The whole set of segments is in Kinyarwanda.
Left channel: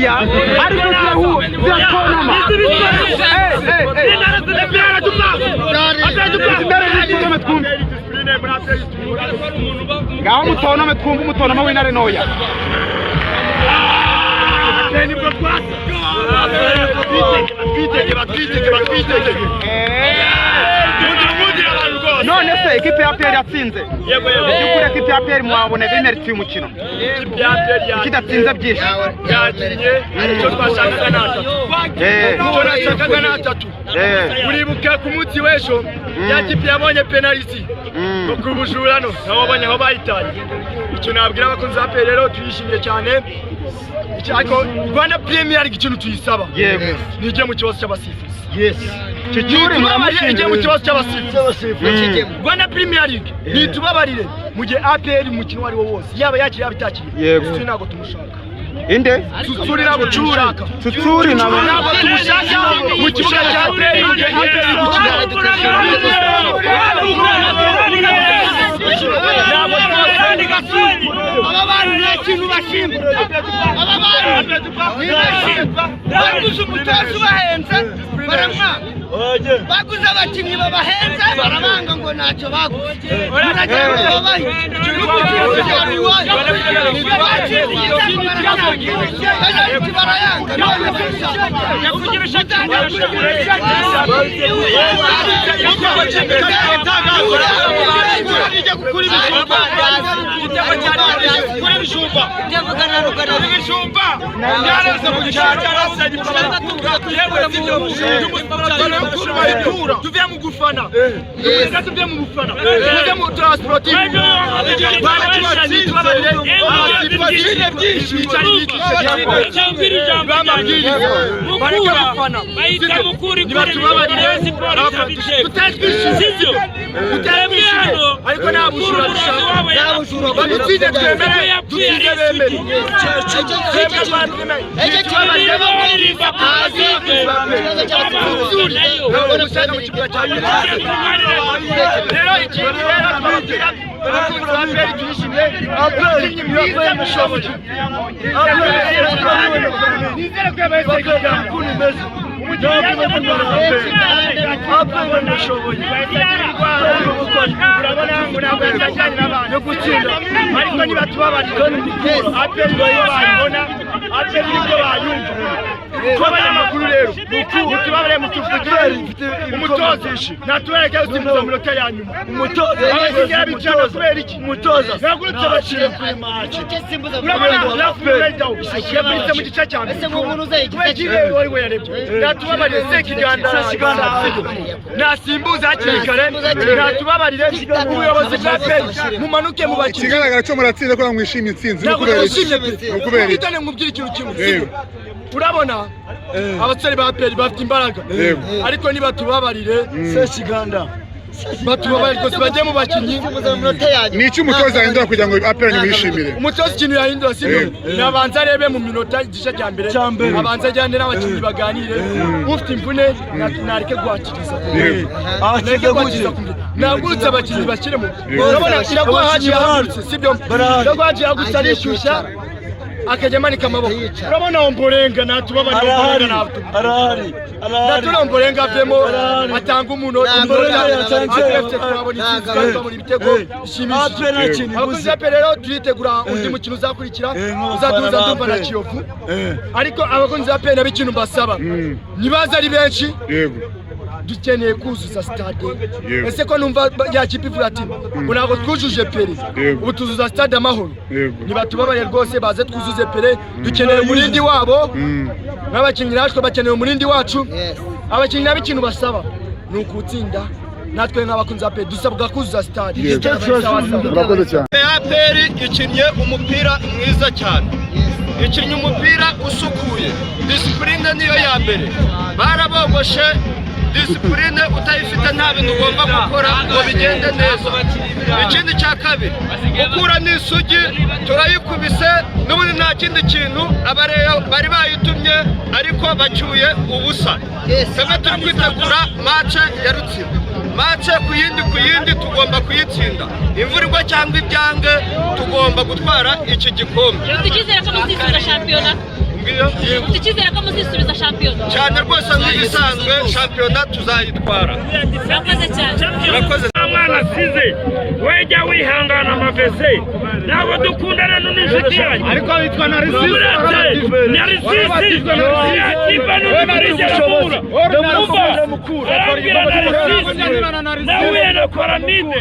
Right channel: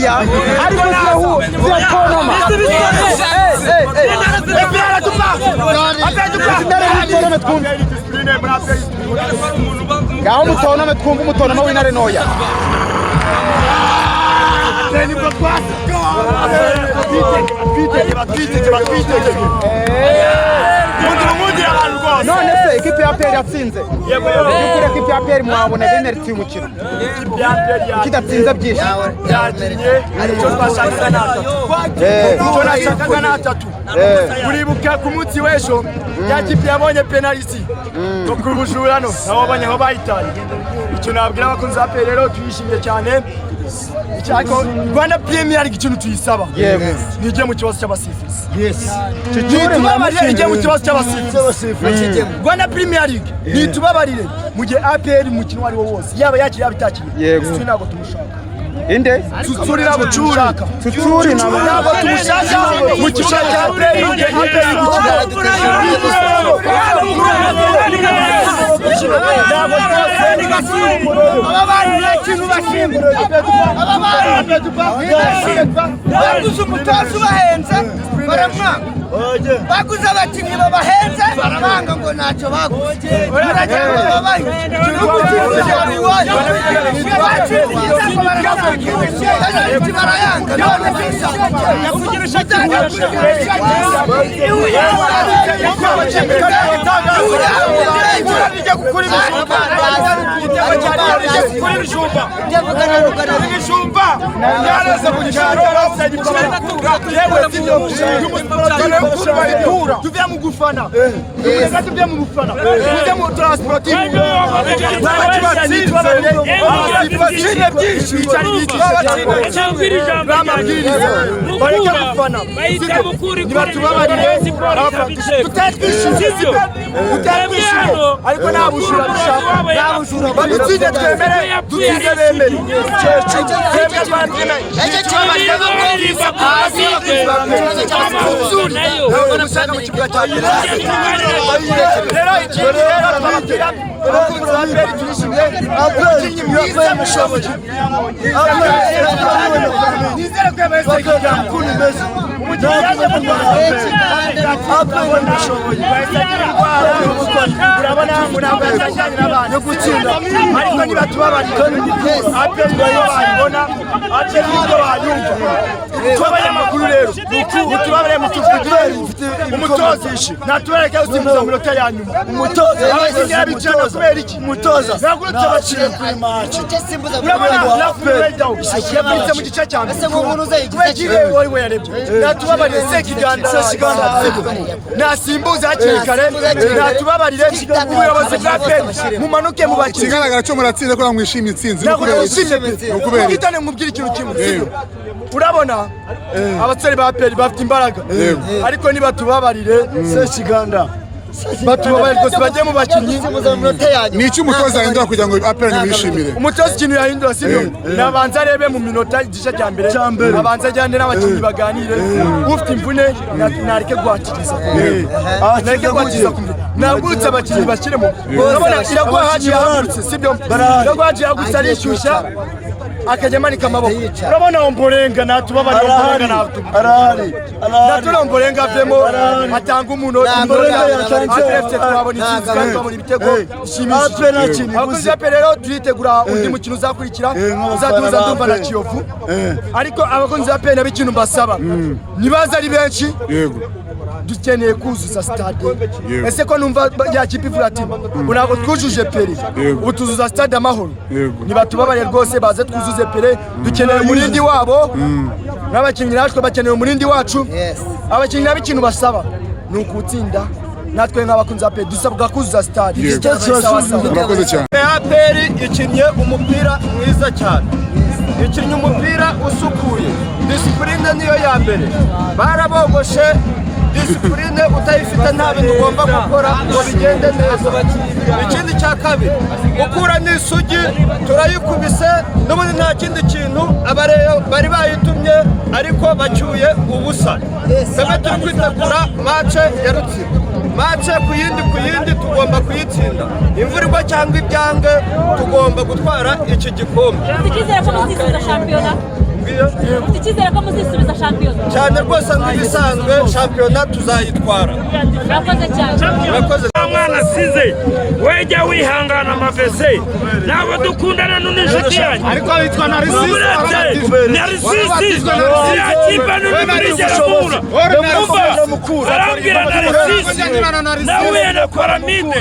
oya ariko naho ngaho mutonome twumva umutonoma w'intare noya nibwo twasa batwiteke none se ekipe ya PL yatsinze yego ekipe ya PL mwabone bimeriti umukino ekipe ya PL kidatsinze byinshi yakinye icyo twashakaga natatu icyo nashakaga natatu uribuka ku munsi w'ejo ya kipe yabonye penalty ko kubujurano nabo banye aho bayitanye icyo nabwira abakunzi ba PL rero tuyishimye cyane Chako Rwanda Premier League ikintu tuyisaba nije mu kibazo cy'abasifuzi nitubabarire ije mu kibazo cy'abasifuzi Rwanda Premier League nitubabarire mu gihe APR mukino wari wo wose yaba yakiri yabitakiriye sinago tumushaka inde tutsuri nabo tumushaka tutsuri nabo tumushaka mu kibuga cya APR mu gihe APR gukina nabo twaseni gasuri ababari ikintu bashimura baguze umutoza ubahenze baramwa baguze abakinnyi babahenze barabanga ngo ntacyo baguze Tuviamo gufana. Tuviamo gufana. Tuviamo trasportivo. Usanga mu kibuga cya rero umutozi natuwereke usimbuza mu lota ya nyuma umutoza naciye kuri match yabitse mu gice cya mbere we yarebye natubabarire sekiganda nasimbuza hakiri kare natubabarire ubuyobozi bwa PL mumanuke mu bakinnyi kigaragara cyo muratsinze ko mwishimye itsinzi ukubera kitane nkubwira ikintu kimwe urabona abatsari ba PL bafite imbaraga ariko niba tubabarire sekiganda batubabarire ko bajye mu bakinnyi ni iki umutoza ahindura kugira ngo APR nimwishimire umutoza ikintu yahindura sibyo nabanza arebe mu minota igice cya mbere abanza ajyane n'abakinnyi baganire ufite imvune nareke gwatiriza nagurutse abakinnyi bakiremo urabona iragwa haji yahagurutse sibyo iragwa haji yahagurutse arishyushya akajyamanika amaboko urabona omborenga natubabarira omborenga arahari natuna omborenga avemo atanga umunota APFC twabona itsinzi kandi babona ibitego bishimishije abakozi ba PL rero turitegura undi mukino uzakurikira uzaduza ndumva na Kiyovu ariko abakozi ba PL nab'ikintu mbasaba nibaza ari benshi dukeneye kuzuza stade ese ko numva yakipe ivuga ati unago twujuje PL ubu tuzuza stade amahoro niba tubabarire rwose baze twuzuze PL dukeneye umurindi wabo n'abakinnyi natwe bakeneye umurindi wacu abakinnyi nab'ikintu basaba ni ukutsinda natwe nk'abakunzi ba PL dusabwa kuzuza stade murakoze cyane PL ikinnye umupira mwiza cyane ikinnye umupira usukuye discipline niyo ya mbere barabogoshe discipline utayifite nta bintu ugomba gukora ngo bigende neza ikindi cya kabiri ukura n'isugi turayikubise n'ubundi nta kindi kintu abareyo bari bayitumye ariko bacyuye ubusa twebwe turi kwitegura match ya Rutsiro match ku yindi tugomba kuyitsinda imvura igwa cyangwa ibyange tugomba gutwara iki gikombe tukizera ko muzisubira shampiyona nababwiye tukizera ko muzisubiza shampiyona cyane rwose nk'ibisanzwe shampiyona tuzayitwara. Murakoze cyane. Murakoze. Mwana size wejya wihangana amavese ntabwo dukundana n'umushuti yanyu ariko witwa Narisisi zirakipa n'umubirizi y'amura mukura nawe nakora ninde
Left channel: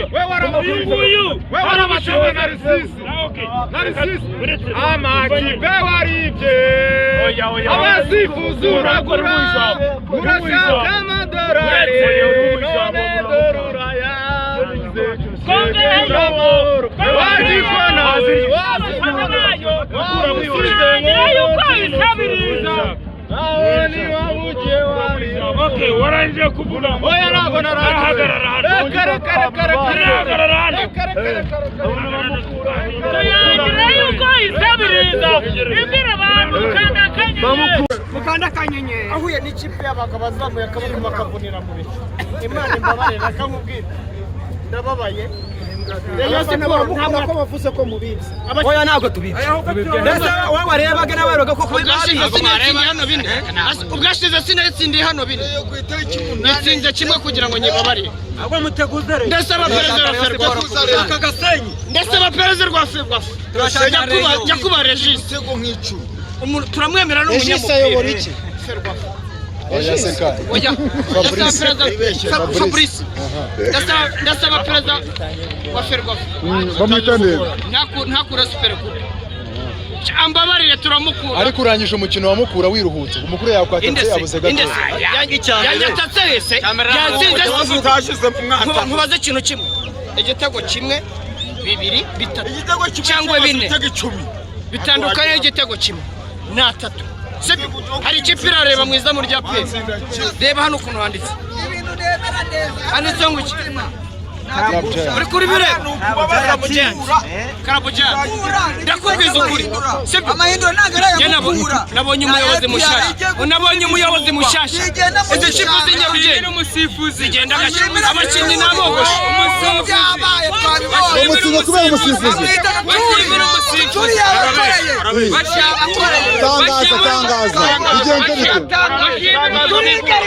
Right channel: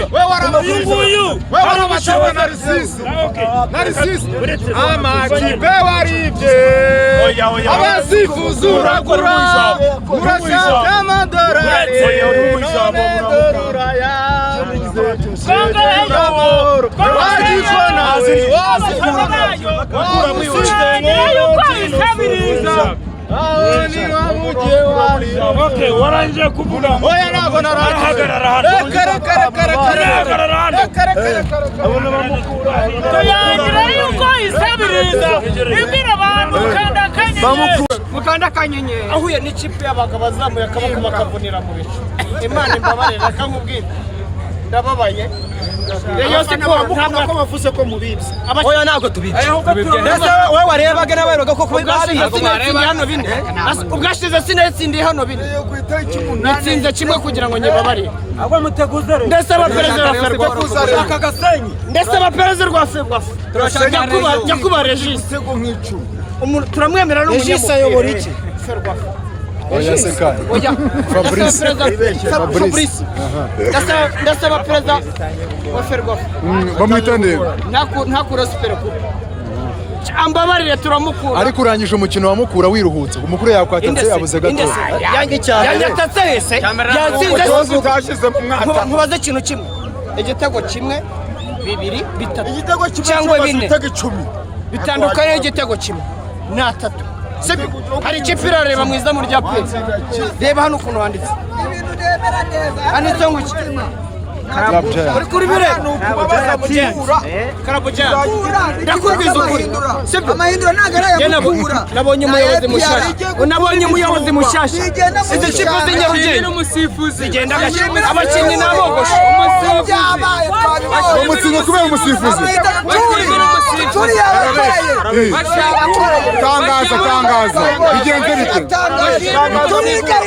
uyu nguyu warabashawe Narisisi amakipe waribye abasifuzi uragura urashaka amadorari waranje kuvuga oya ntabwo narahagarara hano mukanda kanyenyeri ahuye n'ikipe y'abagabo bazamuye akaboko bakavunira mu bicu. Imana imbabarira akamubwira ndababaye Rayon Sport ntabwo bavuze ko mubibye. Oya ntabwo tubibye. Ndetse wowe warebaga n'abaroga ko ubwashize sinatsindiye hano bine. Ubwashize sinatsindiye hano bine. Nitsinze kimwe kugira ngo nyibabarire. Ahubwo muteguze rero. Ndetse abaperezida wa Ferwafa akagasenyi. Ndetse abaperezida rwa Ferwafa. Nyakuba Regis. Turamwemera n'umunyamupira. Ferwafa. Oya seka. Oya. Fabrice. Ndasaba perezida wa Ferwafa. Bamwitande. Ntakura super coupe. Ambabarire turamukura. Ariko urangije umukino wa Mukura wiruhutse. Umukuru yakwatatse yabuze gato. Yanyatatse wese. Yanzinze mubaze ikintu kimwe. Igitego kimwe, bibiri, bitatu. Cyangwa bine. Bitandukanye igitego kimwe. Na tatu. Hari ikipe irareba mu izamu rya pe. Reba hano ukuntu handitse. Handitse ngo iki? Uri kuri bire? Karabujani. Ndakubwiza ukuri. Sibyo? Nabonye umuyobozi mushasha. Nabonye umuyobozi mushasha. Izi kipe z'inyarugenge. Zigenda gake. Abakinnyi nabogoshe. Umutsinzi kubera umusifuzi. Tangaza. Bigenze bite?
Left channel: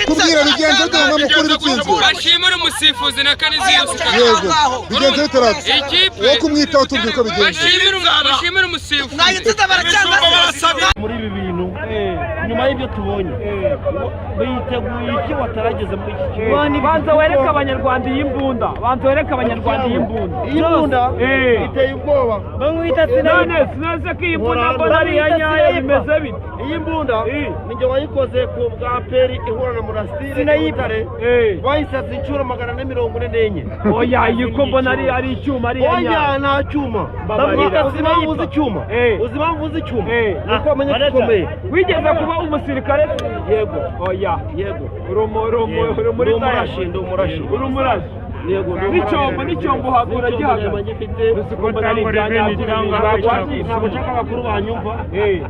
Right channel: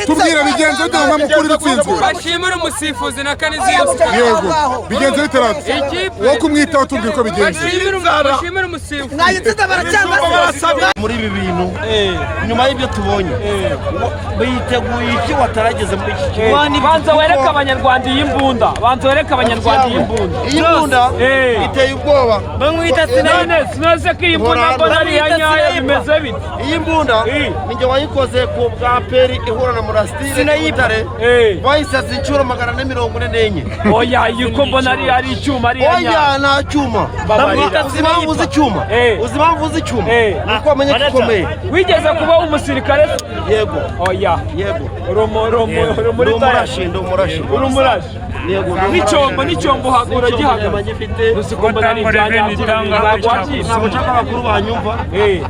Kubwira bigenze bite ngo Mukura bitsinzwe. Bashimira umusifuzi na Kanizi yose. Yego. Bigenze bite rati? Wo kumwitaho tubwire ko bigenze. Bashimira umusifuzi. Muri ibi bintu nyuma y'ibyo tubonye biteguye iki watarageze muri iki kigo. banza wereka abanyarwanda iyi mbunda. Banza wereka abanyarwanda iyi mbunda. Iyi mbunda iteye ubwoba. Bamwita sineze ko iyi mbunda mbona ari iya nyayo bimeze bite. Iyi mbunda ninjye wayikoze ku bwa peri ihura na Murastire y'Ibutare. Bayisase inshuro 444. Oya yiko mbona ari icyuma ari iya nyayo. Oya nta cyuma. Uzibavuze icyuma. Uzibavuze icyuma. Nuko amenye gikomeye. Wigeze kuba umusirikare? Yego. Oya. Yego. Rumuri Umurashi. Yego. N'icyombo hagura gihagaze. Rusiko mbona ari ibya nyabyo. Ntabwo nshaka abakuru banyumva.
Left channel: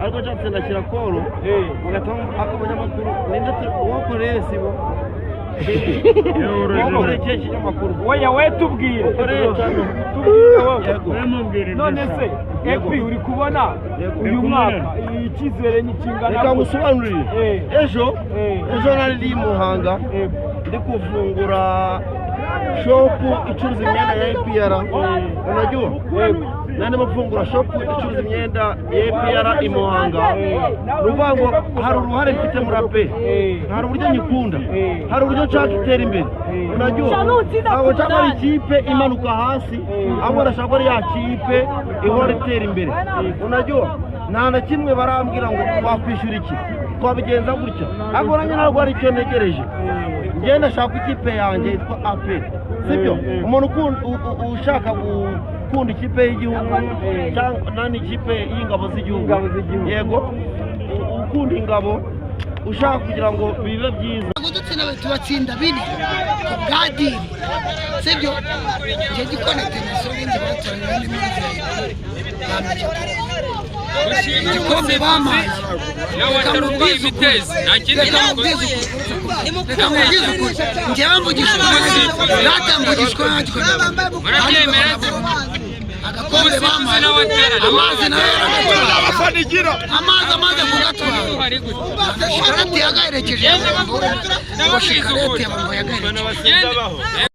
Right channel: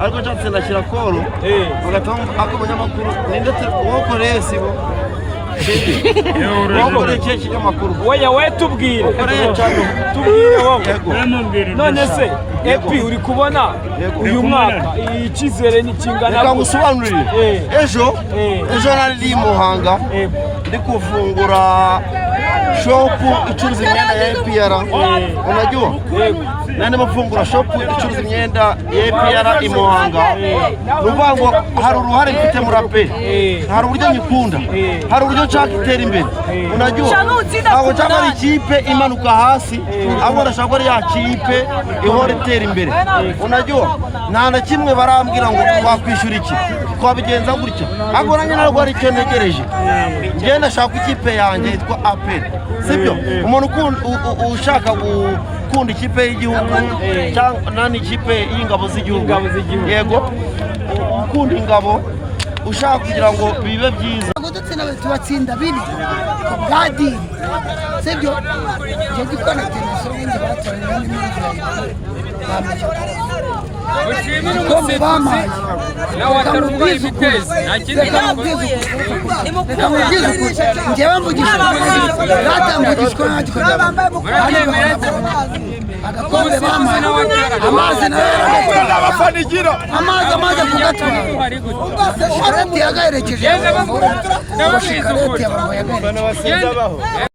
Ariko nshatse ndashyira koro. Bagatanga akamunyamakuru. Nindetse wokoreye sibo. Wokoreye cye kinyamakuru. Oya we tubwire. Wokoreye cyane. Tubwire wowe. None se epi uri kubona uyu mwaka icyizere ni kingana. Reka ngusobanurire. Ejo nari Muhanga ndi kufungura shopu icuruza imyenda ya APR. Unajua? Nani mafungura shopu icuruza imyenda ya APR i Muhanga. Nuvuga ngo hari uruhare mfite muri APR. Hari uburyo nyikunda. Hari uburyo nshaka itera imbere. Unajua? Ntabwo nshaka ari ikipe imanuka hasi, ahubwo ndashaka ari ya kipe ihora itera imbere. Unajua? Nta na kimwe barambwira ngo twakwishyura iki. Twabigenza gutya. Ahubwo nanjye ntabwo ari icyo ntegereje. Njye ndashaka ikipe yanjye yitwa APR. Sibyo? Umuntu ushaka gukunda ikipe y'igihugu cyangwa nani ikipe y'ingabo z'igihugu. Yego. Ukunda ingabo ushaka kugira ngo bibe byiza. Tubatsinda bine ku bwadiri. Sibyo? Njye gikonekte n'isoro bindi batoranye n'imiziranye. Bamenye ko igikombe bamaye nawe atarumva ibitezi nta kindi namubwiza ukuri njyewe mvugisha ukuri natambugishwa murabyemera agakombe bamaze amazi nayo yaragatwara abafanigira amazi kugatwara shikarete yagaherekeje ngo shikarete yagaherekeje